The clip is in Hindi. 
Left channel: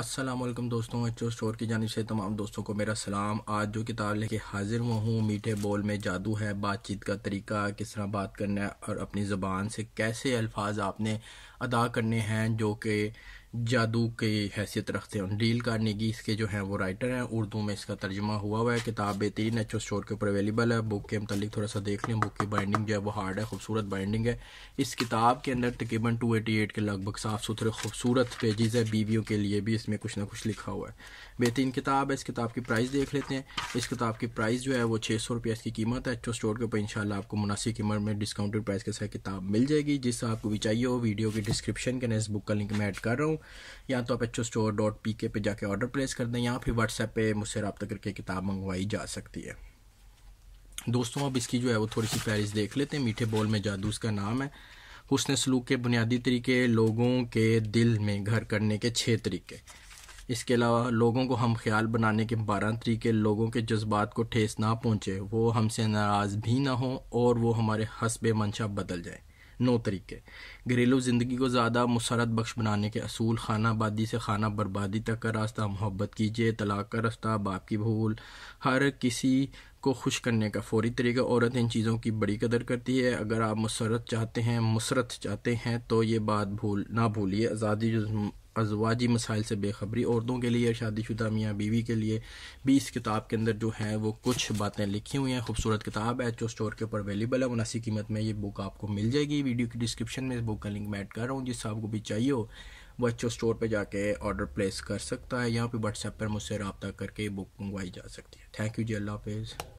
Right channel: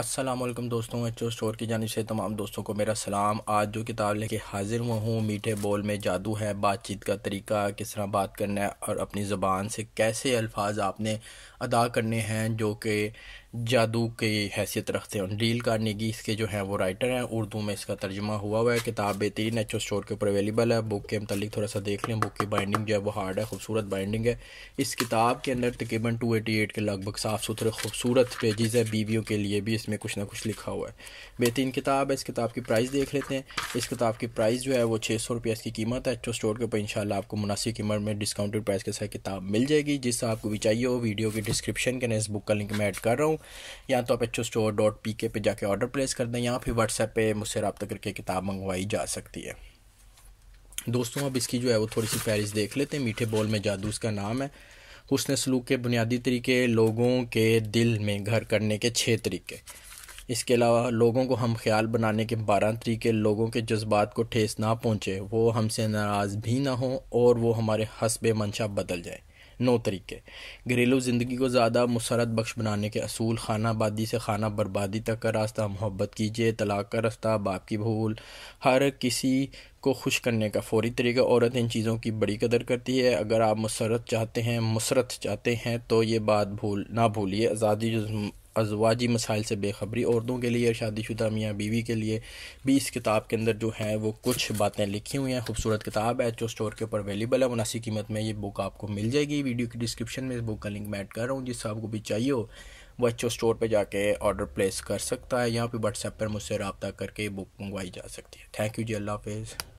अस्सलामुअलैकुम दोस्तों, एचओ स्टोर की जानिब से तमाम दोस्तों को मेरा सलाम। आज जो किताब लेके हाजिर हुआ हूँ, मीठे बोल में जादू है, बातचीत का तरीका, किस तरह बात करना है और अपनी ज़बान से कैसे अल्फाज आपने अदा करने हैं जो कि जादू की हैसियत रखते हैं। डील कार्नेगी इसके जो हैं वो राइटर हैं, उर्दू में इसका तर्जुमा हुआ है। किताब बेहतरीन एचओ स्टोर के ऊपर अवेलेबल है। बुक के मतलब थोड़ा सा देख लें। बुक की बाइंडिंग जो है वो हार्ड है, खूबसूरत बाइंडिंग है। इस किताब के अंदर तकरीबन 288 के लगभग साफ़ सुथरे खूबसूरत पेजेस है। बीवियों के लिए भी इसमें कुछ ना कुछ लिखा हुआ है। बेहतरीन किताब है। इस किताब की प्राइस देख लेते हैं। इस किताब की प्राइस जो है वो 600 रुपये इसकी कीमत है। एचओ स्टोर के ऊपर इंशाल्लाह आपको मुनासिब कीमत में डिस्काउंटेड प्राइस के साथ किताब मिल जाएगी। जिससे आपको भी चाहिए हो, वीडियो की डिस्क्रिप्शन के अंदर इस बुक का लिंक मैं ऐड कर रहा हूँ। या तो आप HOStore.pk पे जाके ऑर्डर प्लेस कर दें, या फिर व्हाट्सएप पे मुझसे रब्ता करके किताब मंगवाई जा सकती है। दोस्तों अब इसकी जो है वो थोड़ी सी फहरिस्त देख लेते हैं। मीठे बोल में जादू इसका नाम है। हुस्न सलूक के बुनियादी तरीके, लोगों के दिल में घर करने के 6 तरीके, इसके अलावा लोगों को हम ख्याल बनाने के 12 तरीके, लोगों के जज्बात को ठेस ना पहुँचे, वो हमसे नाराज़ भी ना हो और वो हमारे हस्बे मंशा बदल जाए, 9 तरीके, घरेलू ज़िंदगी को ज़्यादा मुसरत बख्श बनाने के असूल, खाना बादी से खाना बर्बादी तक का रास्ता, मोहब्बत कीजिए, तलाक का रास्ता, बाप की भूल, हर किसी को खुश करने का फौरी तरीका। औरत इन चीज़ों की बड़ी कदर करती है। अगर आप मुसरत चाहते हैं तो ये बात ना भूलिए। अज़वाजी मसाइल से बेखबरी, औरतों के लिए, शादीशुदा मियाँ बीवी के लिए भी इस किताब के अंदर जो है वो कुछ बातें लिखी हुई हैं। खूबसूरत किताब है, एचओ स्टोर के ऊपर अवेलेबल है। मुनासिब कीमत में ये बुक आपको मिल जाएगी। वीडियो की डिस्क्रिप्शन में इस बुक का लिंक मैं ऐड कर रहा हूँ। जिससे आपको भी चाहिए हो वो एचओ स्टोर पर जाके ऑर्डर प्लेस कर सकता है। यहाँ पर व्हाट्सएप पर मुझसे रब्ता करके बुक मंगवाई जा सकती है। थैंक यू जी, अल्लाह हाफिज़।